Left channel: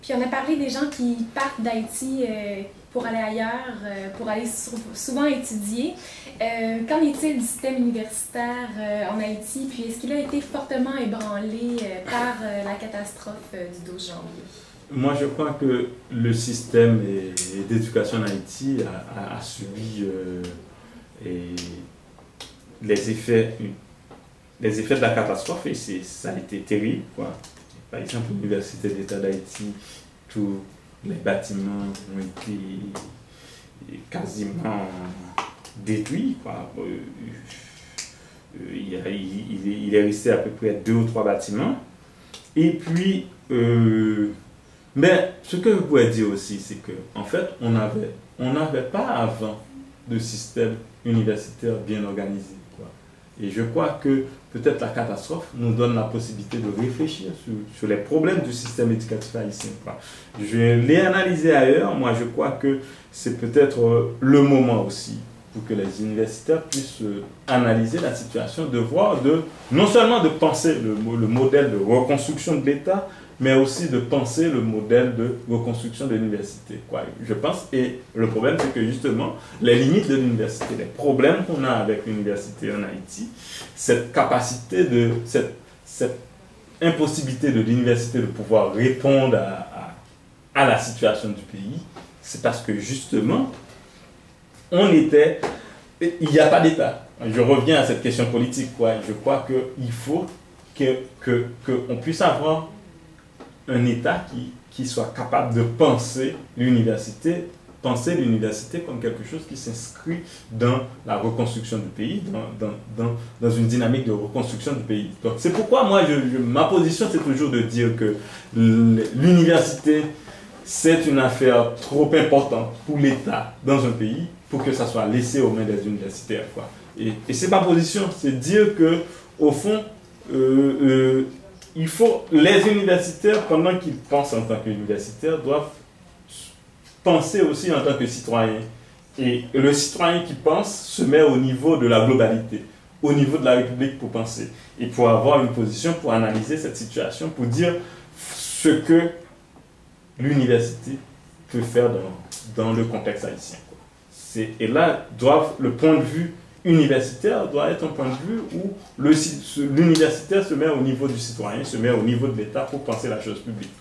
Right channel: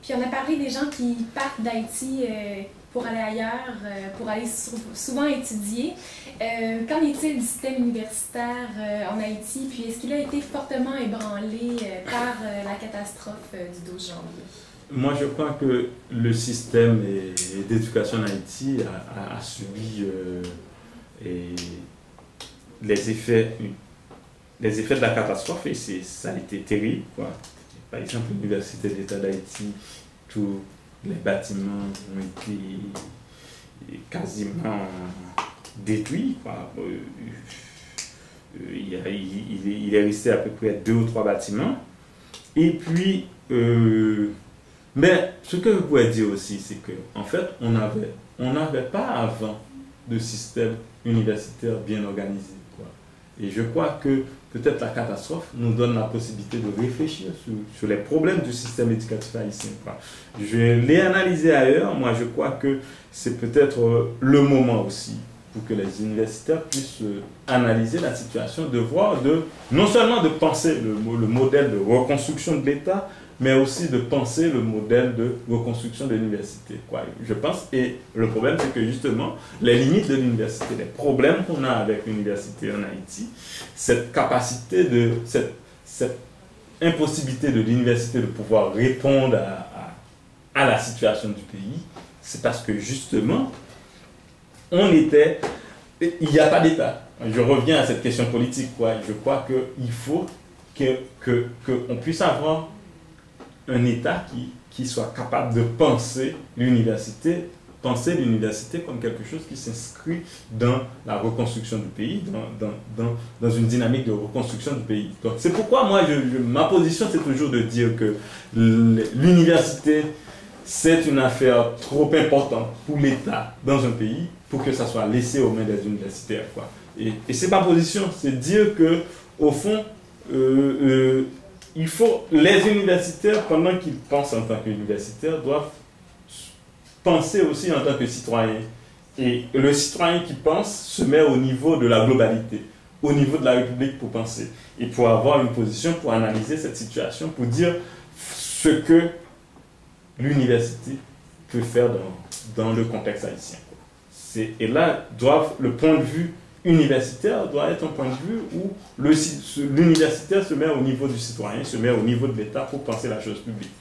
Puis on a parlé des gens qui partent d'Haïti pour aller ailleurs, pour aller souvent étudier. Qu'en est-il du système universitaire en Haïti? Puis est-ce qu'il a été fortement ébranlé par la catastrophe du 12 janvier? Moi, je crois que le système d'éducation en Haïti a subi les effets de la catastrophe et ça a été terrible, quoi. Par exemple, l'Université d'État d'Haïti, tous les bâtiments ont été quasiment détruits, quoi. Il est resté à peu près 2 ou 3 bâtiments. Et puis, mais ce que je pourrais dire aussi, c'est qu'en fait, on n'avait pas avant de système universitaire bien organisé, quoi. Et je crois que peut-être la catastrophe nous donne la possibilité de réfléchir sur les problèmes du système éducatif haïtien, quoi. Je l'ai analysé ailleurs. Moi, je crois que c'est peut-être le moment aussi pour que les universitaires puissent analyser la situation, de voir, non seulement de penser le modèle de reconstruction de l'État, mais aussi de penser le modèle de reconstruction de l'université, quoi. Je pense, et le problème, c'est que justement, les limites de l'université, les problèmes qu'on a avec l'université en Haïti, cette impossibilité de l'université de pouvoir répondre à la situation du pays, c'est parce que justement, il n'y a pas d'État. Je reviens à cette question politique, quoi. Je crois qu'il faut qu'on puisse avoir un État qui soit capable de penser l'université comme quelque chose qui s'inscrit dans la reconstruction du pays, dans une dynamique de reconstruction du pays. Donc c'est pourquoi moi, ma position, c'est toujours de dire que l'université, c'est une affaire trop importante pour l'État dans un pays pour que ça soit laissé aux mains des universitaires, quoi. Et c'est ma position, c'est dire que au fond, les universitaires, pendant qu'ils pensent en tant qu'universitaires, doivent penser aussi en tant que citoyens. Et le citoyen qui pense se met au niveau de la globalité, au niveau de la République pour penser. Et pour avoir une position, pour analyser cette situation, pour dire ce que l'université peut faire dans le contexte haïtien, quoi. Et là, le point de vue universitaire doit être un point de vue où l'universitaire se met au niveau du citoyen, se met au niveau de l'État pour penser la chose publique.